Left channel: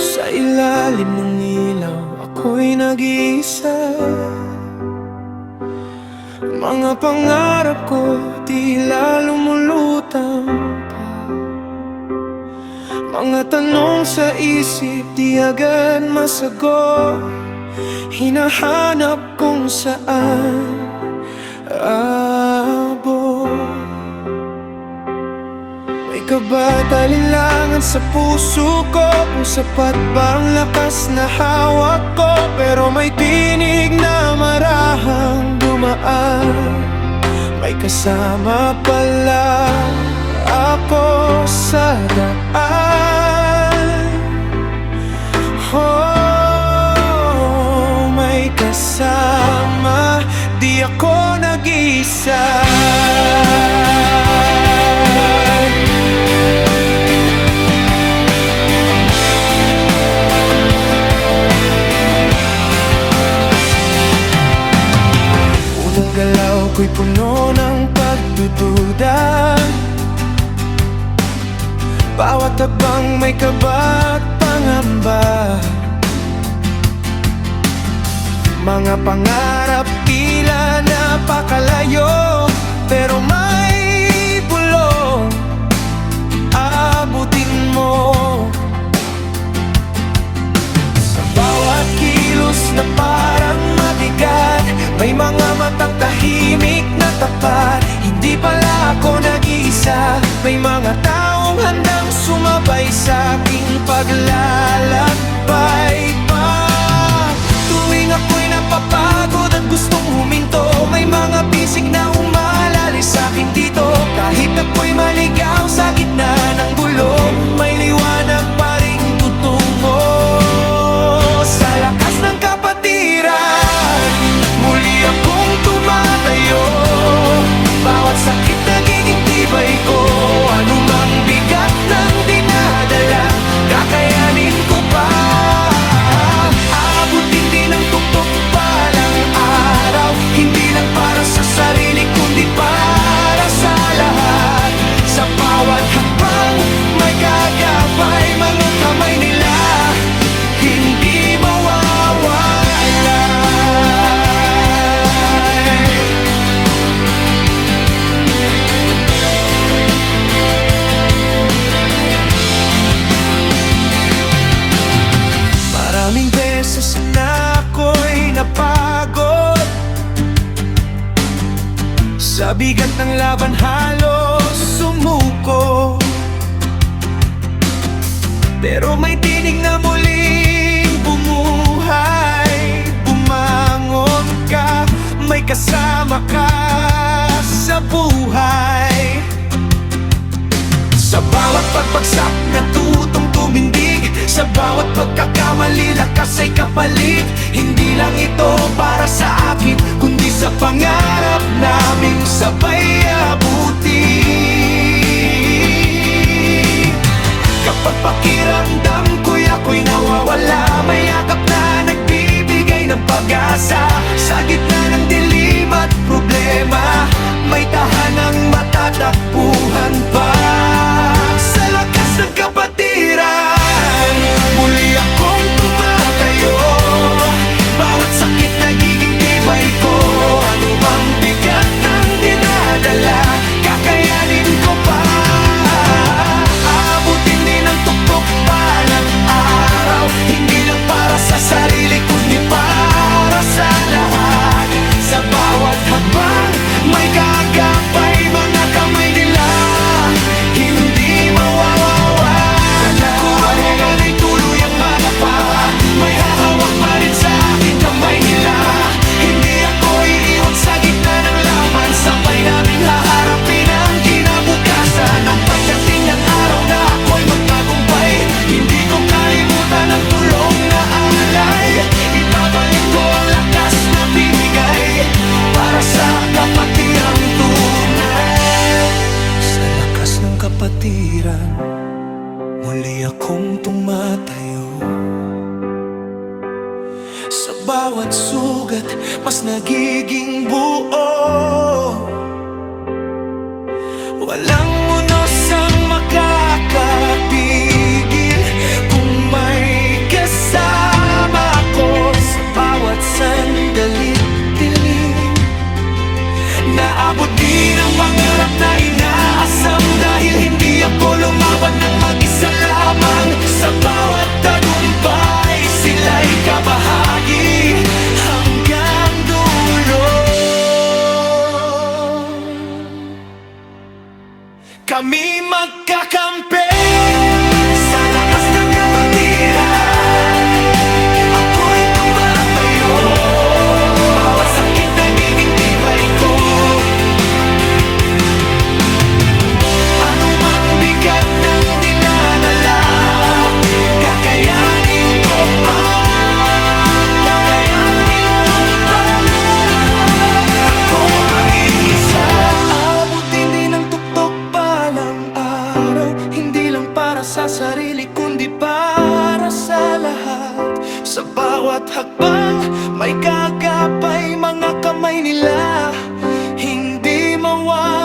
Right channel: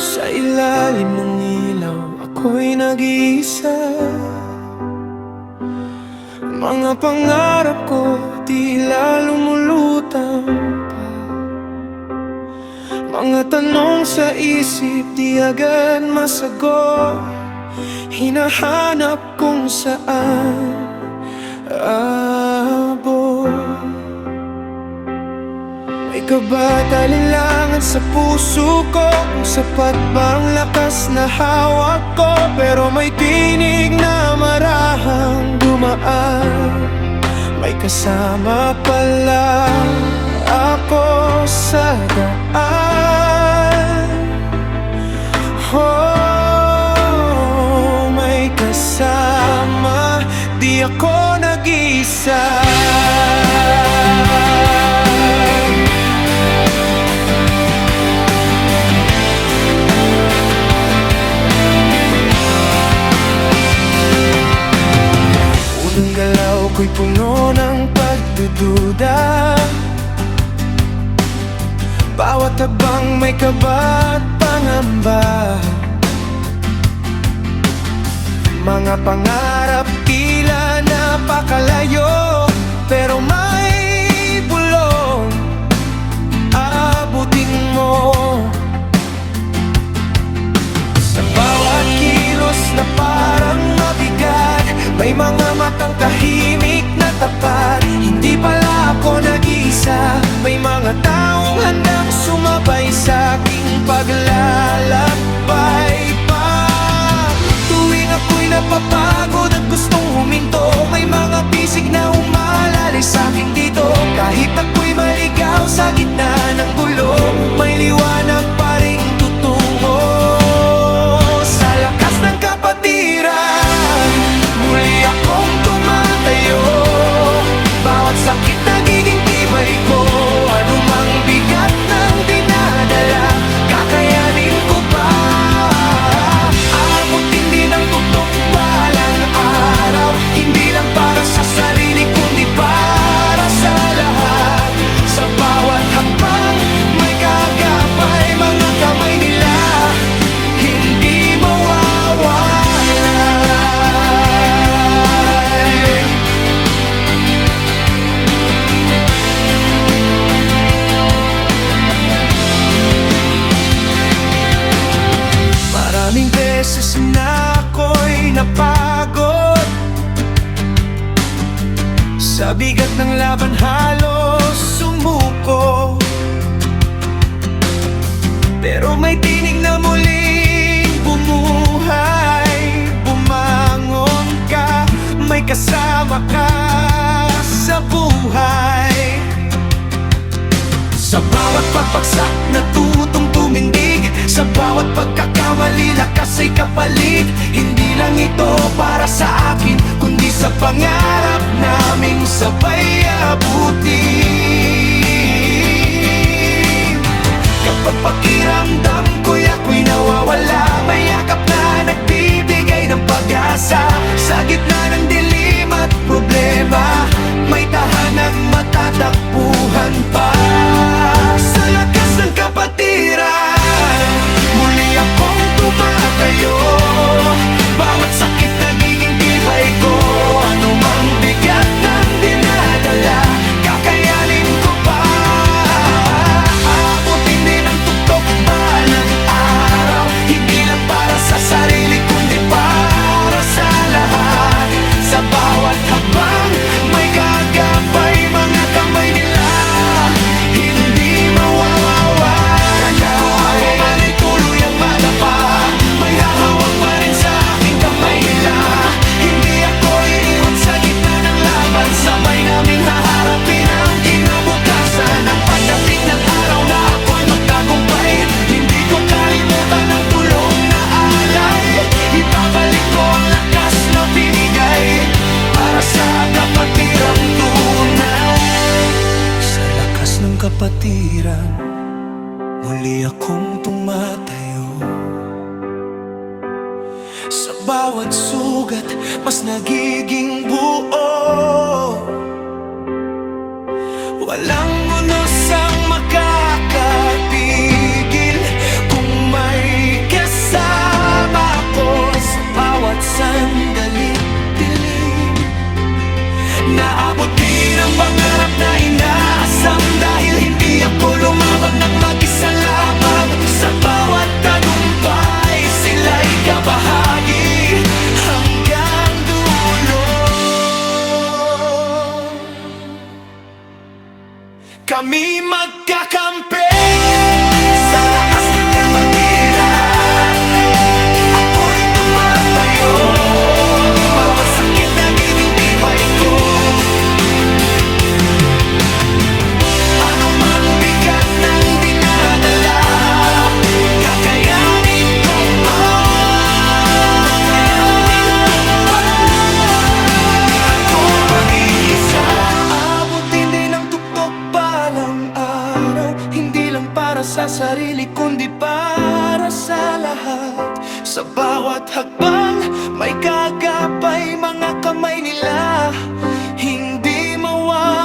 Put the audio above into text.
Sa ilalim ng ilaw, ako'y nag-iisa. Mga pangarap ko tila lumulutang pa. Mga tanong sa isip di agad masagot. Hinahanap kung saan abot. May kabatalinlangan sa puso ko, kung sapat ba ang lakas na hawak ko. Pero may tinig na marahang dumaan. May kasama pala ako sa daan. Oh, may kasama, di ako nag-isa. Unang galaw ko'y puno ng pagdududa. Bawat habang may kaba at pangamba. Mga pangarap tila napakalayo, pero may bulong abutin mo. Sa bawat kilos na parang mabigat, may mga matang tahimik na tapat. Hindi pala ako nag-iisa, may mga taong handang sumabay sa aking paglalakbay pa. Tuwing ako'y napapagod at gustong huminto, may mga bisig na umalalay sa'kin dito. Kahit ako'y maligaw sa gitna ng gulo, may liwanag pa ring tutungo. Sa lakas ng kapatiran, muli akong tumatayo. Bawat sakit nagiging tibay ko, anumang bigat ng dinadala, kakayanin ko pa. Abutin din ang tuktok balang araw, hindi lang para sa sarili kundi para sa lahat. Sa bawat hakbang may gagabay, mga kamay nila hindi mawawalay. Maraming beses na ako'y napagod, sa bigat ng laban halos sumuko. Pero may tinig na muling bumuhay. Bumangon ka, may kasama ka sa buhay. Sa bawat pagbagsak natutong tumindig, sa bawat pagkakamali lakas ay kapalit. Hindi lang ito para sa akin, kundi sa pangarap naming sabay abutin. Kapag pakiramdam ko'y ako'y nawawala, may yakap na nagbibigay ng pag-asa. Sa gitna ng dilim at problema, may tahanang matatakbuhan pa. Sa lakas ng kapatiran, muli akong tumatayo. Bawat sakit nagiging tibay ko, anumang bigat ng dinadala, kakayanin ko pa. Abutin din ang tuktok balang araw, hindi lang para sa sarili kundi para sa lahat. Sa bawat habang may kagapay, mga kamay nila hindi mawawawala. Kung ako man ay tuluyang madapa, may hahawak pa rin sa aking kamay nila. Hindi ako iiwan sa gitna ng laban, sabay naming haharapin ang kinabukasan. At pagdating ng araw na ako'y magtagumpay, hindi ko kalimutan ang tulong na alay. Ibabalik ko ang lakas na binigay para sa kapatirang tunay. Sa lakas ng kapatiran, muli akong tumatayo. Sa bawat sugat, mas nagiging buo. Walang unos ang makakapigil kung may kasama ako sa bawat sandali't dilim. Naabot din ang pangarap na inaasam dahil hindi ako lumaban ng mag-isa lamang. Sa bawat tagumpay, sila'y kabahagi hanggang dulo. Kami magkakampi sa lakas ng nakatira. Ako'y tumatayo, bawat sakit nagiging tibay ko. Anumang bigat ng dinadala, kakayanin ko pa. Kakayanin ko pa. Ako mag-iisa. Abutin din ang tuktok palang araw, hindi lang para sa sarili kundi para sa lahat. Sa bawat hakbang may kagapay mga kamay nila, hindi mawala.